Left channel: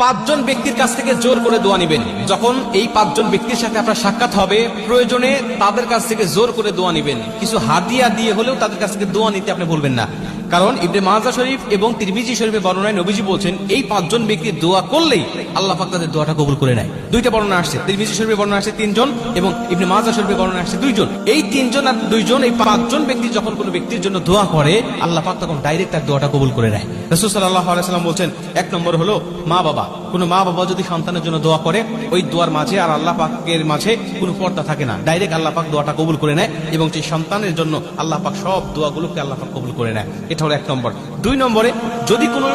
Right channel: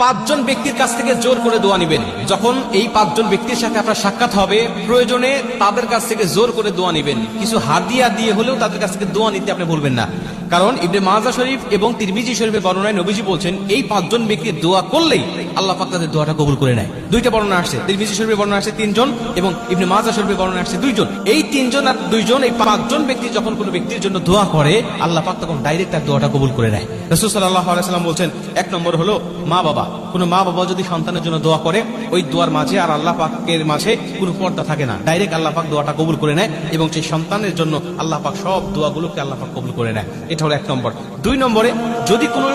পাঁচজন ব্যক্তির কাছ থেকে জোর করে দোয়া নিবেন। যখন এই পাঁচজন ব্যক্তির সাথে আপনার সাক্ষাৎ হবে, প্রয়োজনে তাদের কাছ থেকে জোর করে দোয়া নিবেন। কিছু হাতিয়া দিয়ে হলেও তাদের কাছ থেকে দোয়া নিতে আপনি বলবেন না। কারণ ইবনে মাজাহ শরীফ এবং তিরমিজি শরীফের বর্ণনায় নবীজি বলছেন, এই পাঁচজন ব্যক্তির দোয়া করলেই আল্লাহ পাক তাদের দোয়াটা কবুল করে নেয়। দুইটা বর্ণনা আসছে, তিরমিজি শরীফের বর্ণনা আসছে 3 জন এবং ইবনে মাজাহ শরীফের বর্ণনা আসছে 2 জন। এই 3 জন আর 2 জন, এই 5 জন ব্যক্তি যখন কোনো ব্যক্তির জন্য দোয়া করে, আল্লাহ পাক তখন ডাইরেক্ট তার দোয়াটা কবুল করে নেয়। রাসূল সাল্লাল্লাহু আলাইহি ওয়াসাল্লাম বলছেন, এক নম্বর হলো মা বাবা। কোনো মা বাবা যদি সন্তানের জন্য দোয়া করে, ওই দোয়ার মাঝে আর আল্লাহ পাকের মাঝে কোনো পর্দা থাকে না, ডাইরেক্ট আল্লাহ পাক দোয়াটা কবুল করে নেয় এবং সেই সন্তানের জন্য আল্লাহ পাক সব দোয়াগুলোকে আল্লাহ পাক কবুল করে নেয়। এটা হলো 1 নম্বর। 2 নম্বরে, যদি কোনো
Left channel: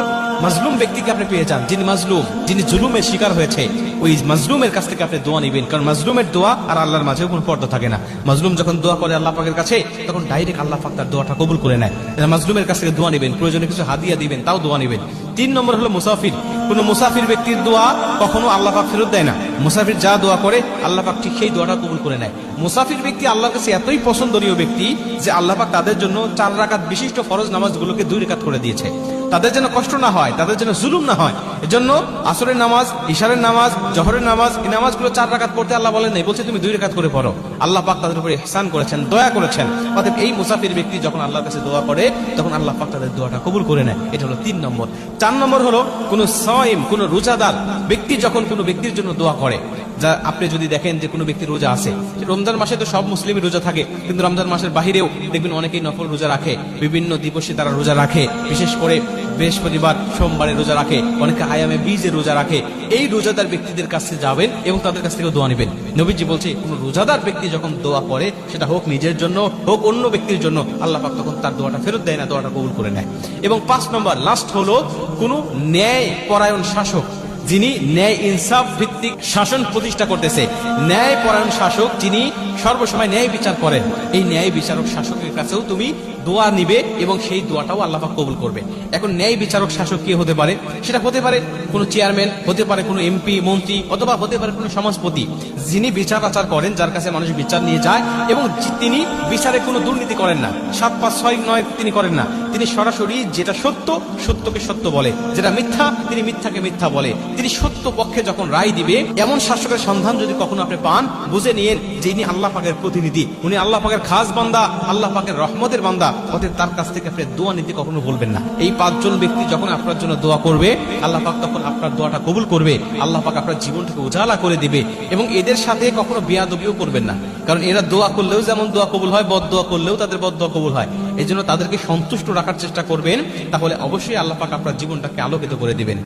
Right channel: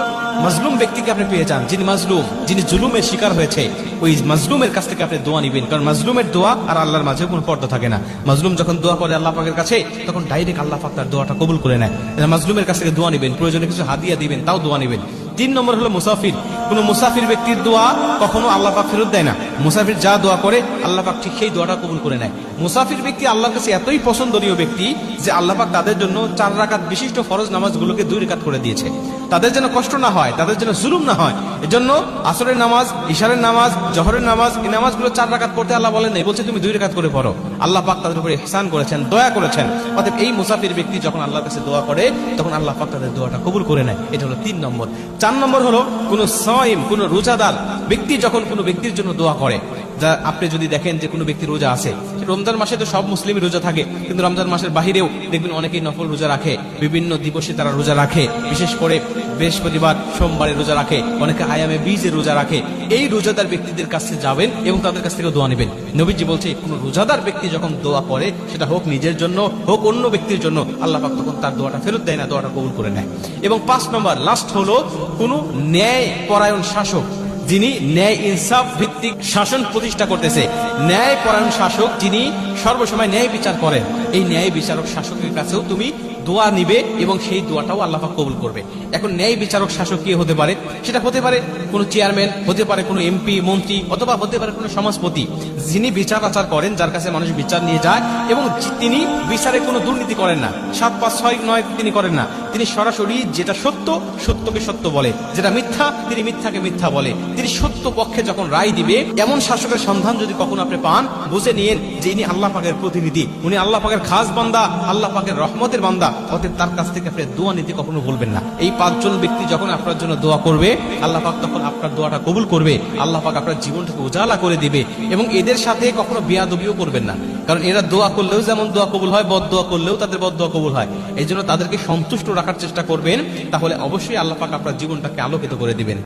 মাজলুম ব্যক্তিকে আপনি পেয়ে যান, যিনি মাজলুম, যিনি জুলুমের শিকার হয়েছে, ওই মাজলুমের কাছ থেকে আপনি দোয়া নিবেন। কারণ মাজলুমের দোয়া আর আল্লাহর মাঝে কোনো পর্দা থাকে না। মাজলুম যখন দোয়া করে আল্লাহ পাকের কাছে, তখন ডাইরেক্ট আল্লাহ পাক তার দোয়াটা কবুল করে নেয়। মাজলুমের কাছ থেকে দোয়া নিবেন, প্রয়োজনে কিছু হাদিয়া দিবেন, তাও দোয়া নিবেন। 3 নম্বর হলো মুসাফির। কোন মুসাফির ব্যক্তির দোয়া কখনো আল্লাহ পাক ফেরত দেয় না। মুসাফির যা দোয়া করে আল্লাহ পাক ঠিক সেই দোয়াটা কবুল করে নেয়। মুসাফির ব্যক্তি আল্লাহর কাছে এতই পছন্দনীয় ব্যক্তি যে আল্লাহ পাক তাদের জন্য 4 রাকাত বিশিষ্ট ফরজ নামাজগুলোকে 2 রাকাত করে দিয়েছে। তাদের যেন কষ্ট না হয়, তাদের যেন জুলুম না হয়, এজন্য আসরের নামাজ, ইশারের নামাজ, জোহরের নামাজ, এই নামাজগুলো 4 রাকাত পড়তে আল্লাহ বলেন নাই, বলছে তুমি 2 রাকাত করে পড়ো। আল্লাহ পাক তাদের উপরে ইহসান করেছেন, দয়া করেছেন। অতএব এই মুসাফির ব্যক্তি যখন আল্লাহর কাছে দোয়া করে, তখন আল্লাহ পাক তাদের দোয়াটা কবুল করে নেয়। এটা হলো 3 নম্বর। 4 নম্বর হলো কোন সাইম, কোন রোজাদার ব্যক্তি যখন কোনো ব্যক্তির জন্য দোয়া করে, যা আপনি যদি দেখেন যে কোনো ব্যক্তির রোজা আছে, রমজান মাসে তো সব মুসলিমের রোজা থাকে, কিন্তু রমজান মাসের বাহিরেও দেখবেন অনেকেই নফল রোজা রাখে, বিভিন্ন দিবসে তারা রোজা রাখে, বিশেষ করে বৃহস্পতিবার, সোমবারে রোজা রাখে, অনেকে আয়ামে বীজে রোজা রাখে। এই রোজাদার ব্যক্তিদের কাছে যাবেন এবং তাদের কাছ থেকে দোয়া নেবেন। নবীজি বলছে, কোন রোজাদার ব্যক্তি যখন দোয়া করে, সেটা হোক নিজের জন্য হোক অন্য ব্যক্তির জন্য, আল্লাহ পাক তখন তার দোয়াটা ফেরত দেয় না, দোয়াটা কবুল করে নেয়। এবং 5 নম্বর লাস্ট হলো কোন ন্যায় পরায়ণ শাসক, যিনি ন্যায় ইনসাফ ভিত্তিক শাসন প্রতিষ্ঠা করতেছে। ন্যায় পরায়ণ শাসক, যিনি সর্বসময় ন্যায় বিচার করেন, এই ন্যায় বিচারক শাসকের কাছেও তুমি দোয়া নিবে এবং সেই দোয়াটাও আল্লাহ পাক কবুল করবে। এখন ন্যায় বিচারক শাসক কি হতে পারে? সেটা হতে পারে কোনো চেয়ারম্যান, হতে পারে কোনো এমপি, মন্ত্রী, অথবা হতে পারে কোনো সমাজপতি, যিনি বিচার আচার করেন, যার কাছে মানুষ বিচার নিয়ে যায় এবং তিনি বিচারে কোনো দুর্নীতি করেন না, 7 বা 6 নয় তিনি করেন না। তিনি সরাসরি যেটা সত্য, সত্যকে সত্য বলে, যেটা মিথ্যা, তিনি মিথ্যাকে মিথ্যা বলে। তিনি সত্য পক্ষে যখন রায় দিবে, এমন শাসকের সন্ধান যদি কখনো আপনি পান, বুঝে নিয়েন যে ইনি আল্লাহ পাকের প্রতিনিধি, উনি আল্লাহ পাকের খাস বান্দা, আল্লাহ পাকের রহমতের বান্দা। অতএব তার কাছ থেকে আপনি দোয়া নীতি কখনো বলবেন না। এই 5 জন ব্যক্তি যখন আপনার জন্য দোয়া করবে, আল্লাহ পাক তখন আপনার দোয়াটা কবুল করবে। আল্লাহ পাক আপনার জীবনটাকে উজালা করে দেবে এবং এদের সাথে কখনো বেয়াদবিও করবেন না। কারণ এরা দোয়া করলেও যেমন দোয়া কবুল হয়, বদ দোয়া করলেও তাদের বদ দোয়া কবুল হয়। এই জন্য তাদেরকে সন্তুষ্ট রাখার চেষ্টা করবেন, তাহলে অবশ্যই আল্লাহ পাক আপনার জীবনটাকে আলোকিত করে দিবেন।